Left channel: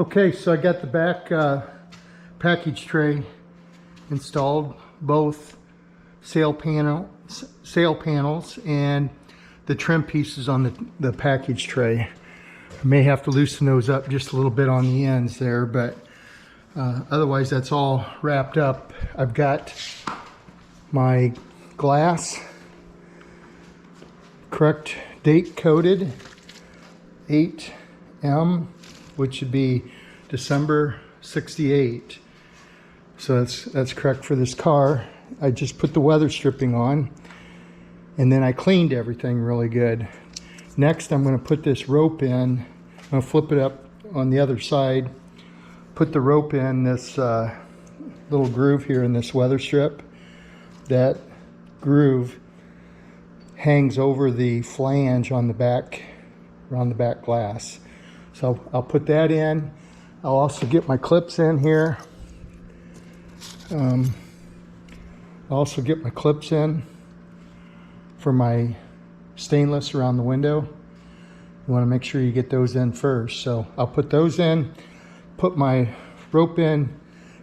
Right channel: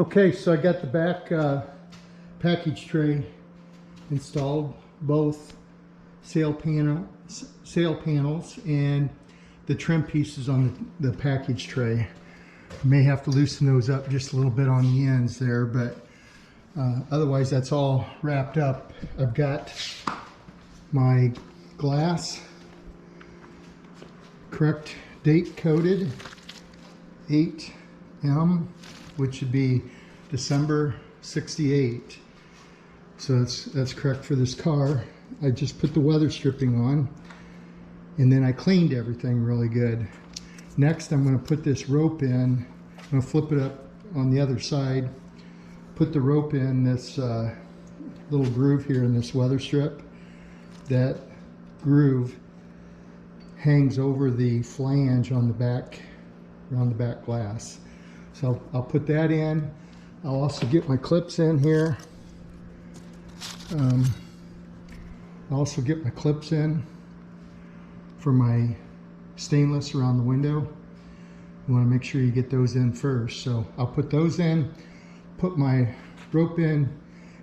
Okay, so I got the back package tray installed, both sail panels and the trim pieces on the package tray. I may have to loosen those up just a little bit on the ends there, but otherwise that's all wrapped up. I've got my glass correct date coded 8M, which would be December 68. So that's correct for this car. I just put the weather stripping on and then I cleaned everything really good. Next, I'm going to put this rope in. I'm going to flip it up on the other side, put the rope in this little groove here in this weather strip. That groove hangs over the flange on the back, around the back glass. So I'll put that in. I'll also get my clips in here. I'll also get my clips in for my stainless around the window. You want to make sure you get those in first. So I'll put those in, put my rope in,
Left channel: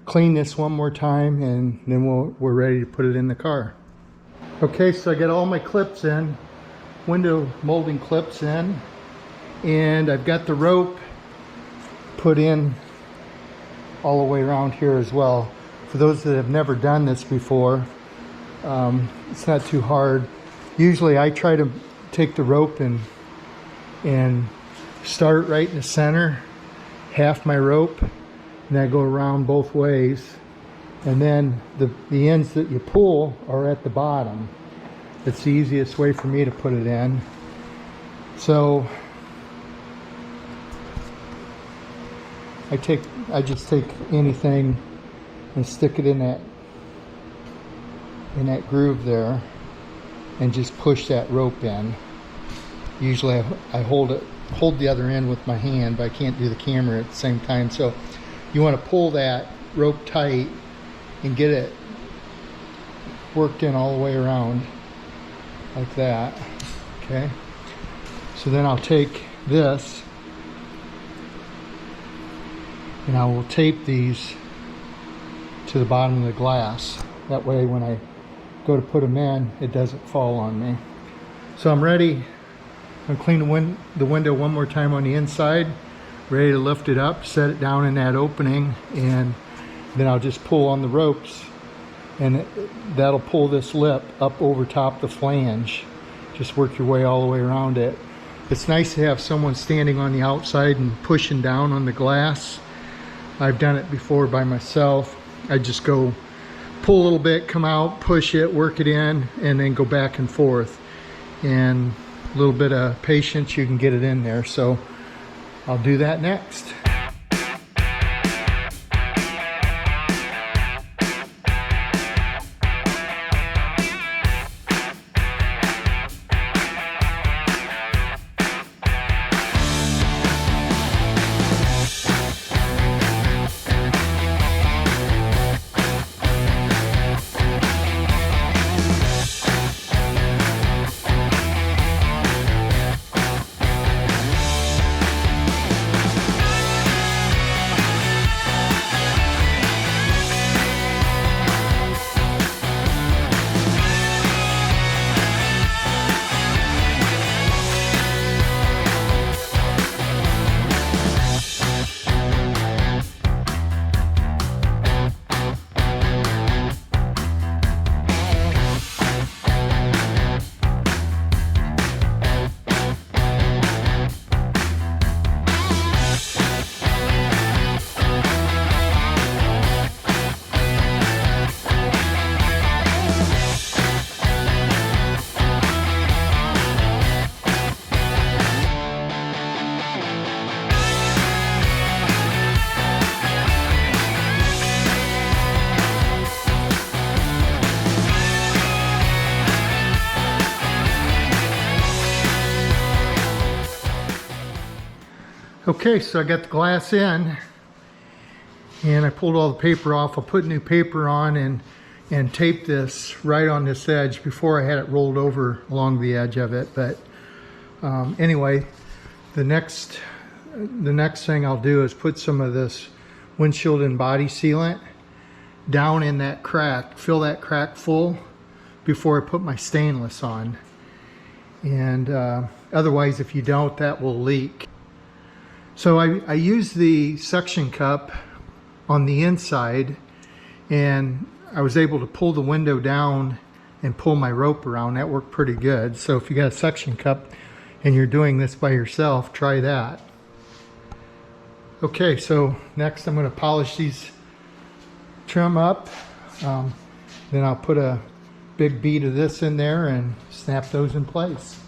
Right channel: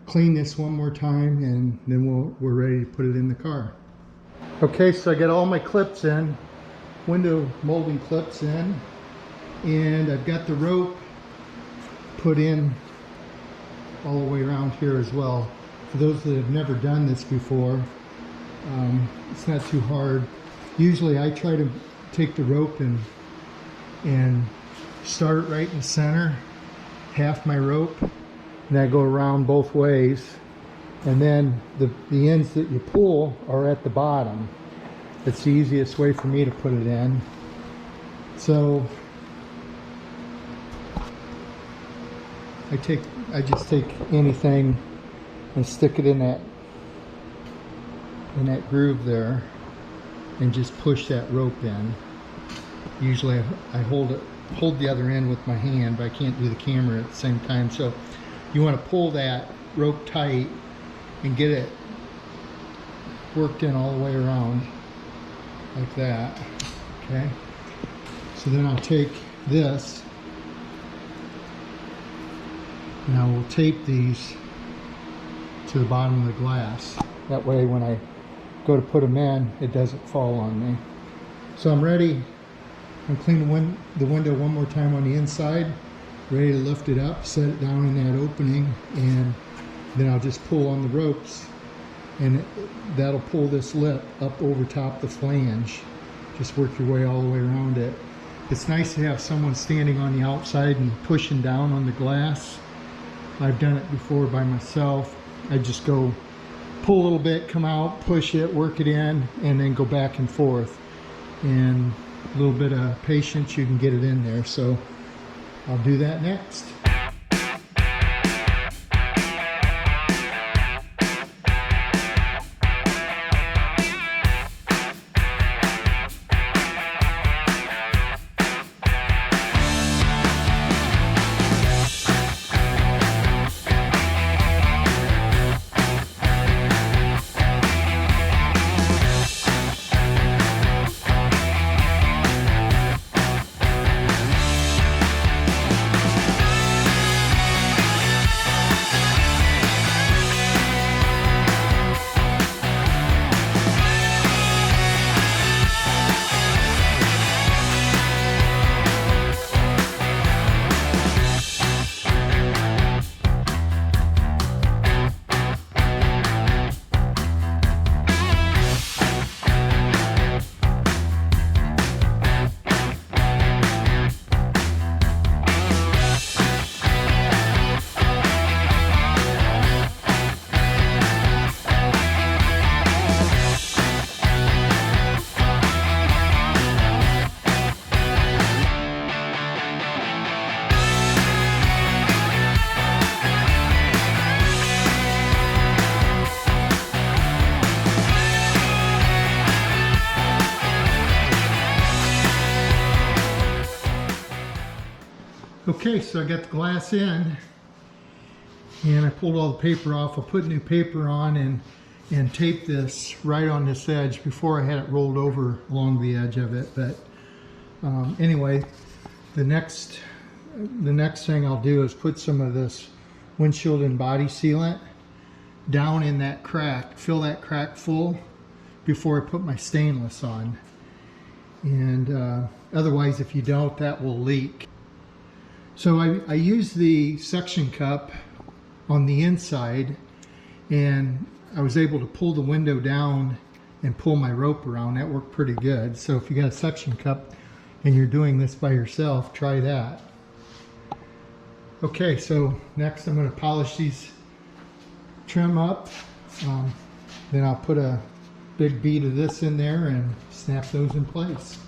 clean this one more time, and then we're ready to put it in the car. Okay, so I got all my clips in, window molding clips in, and I've got the rope put in all the way around here as well. For those that have never done this before, it's not too hard. Usually I try to take the rope and start right in the center, half my rope, and then go around both ways. And then the ends that you pull are at the bottom. It's the easiest way for me to put it in. So I just take anything and stick it in that groove there and just push that rope in. Usually I hold the other end with my hand, but I can't do the camera at the same time. So you want to pull that rope tight and get it worked in all the way around like that. Okay, so then I'll take this and I will tape these to the bottom of the glass. That way when I go to put them in, it doesn't fall on me. So I'm ready. I'm going to clean the window one more time on the inside, ready to lift it up, set it down in that opening, and then I'll just pull on the ropes and that'll pull this lip up over top the flange. Just work your way all the way around it. It's nice to have someone standing on the outside and pushing down on the glass. I've done it before by myself. I just go pull a little bit, come out, push it, work it in, and then go back and forth. And a little bit of patience, you can get it in there. So I'll do that next. Okay, so I got the glass in and I pulled all the paper off. I'll put new paper on and tape this right on this edge. Before I had it rolled over along the edge of it, but anyway, the next the next thing I'll do is put some of this windshield and body sealant down in that crack, fill that crack full before I put my stainless on. And otherwise, if you don't, that will leak. So I use the suction cup on the inside, and I was able to pull the window down and pull my rope around. That worked pretty good. So if you got a suction cup and you're doing this by yourself, try that. Okay, so next I'm going to polish these trim up. Then I'll put a big bead of this in there and snap those in place.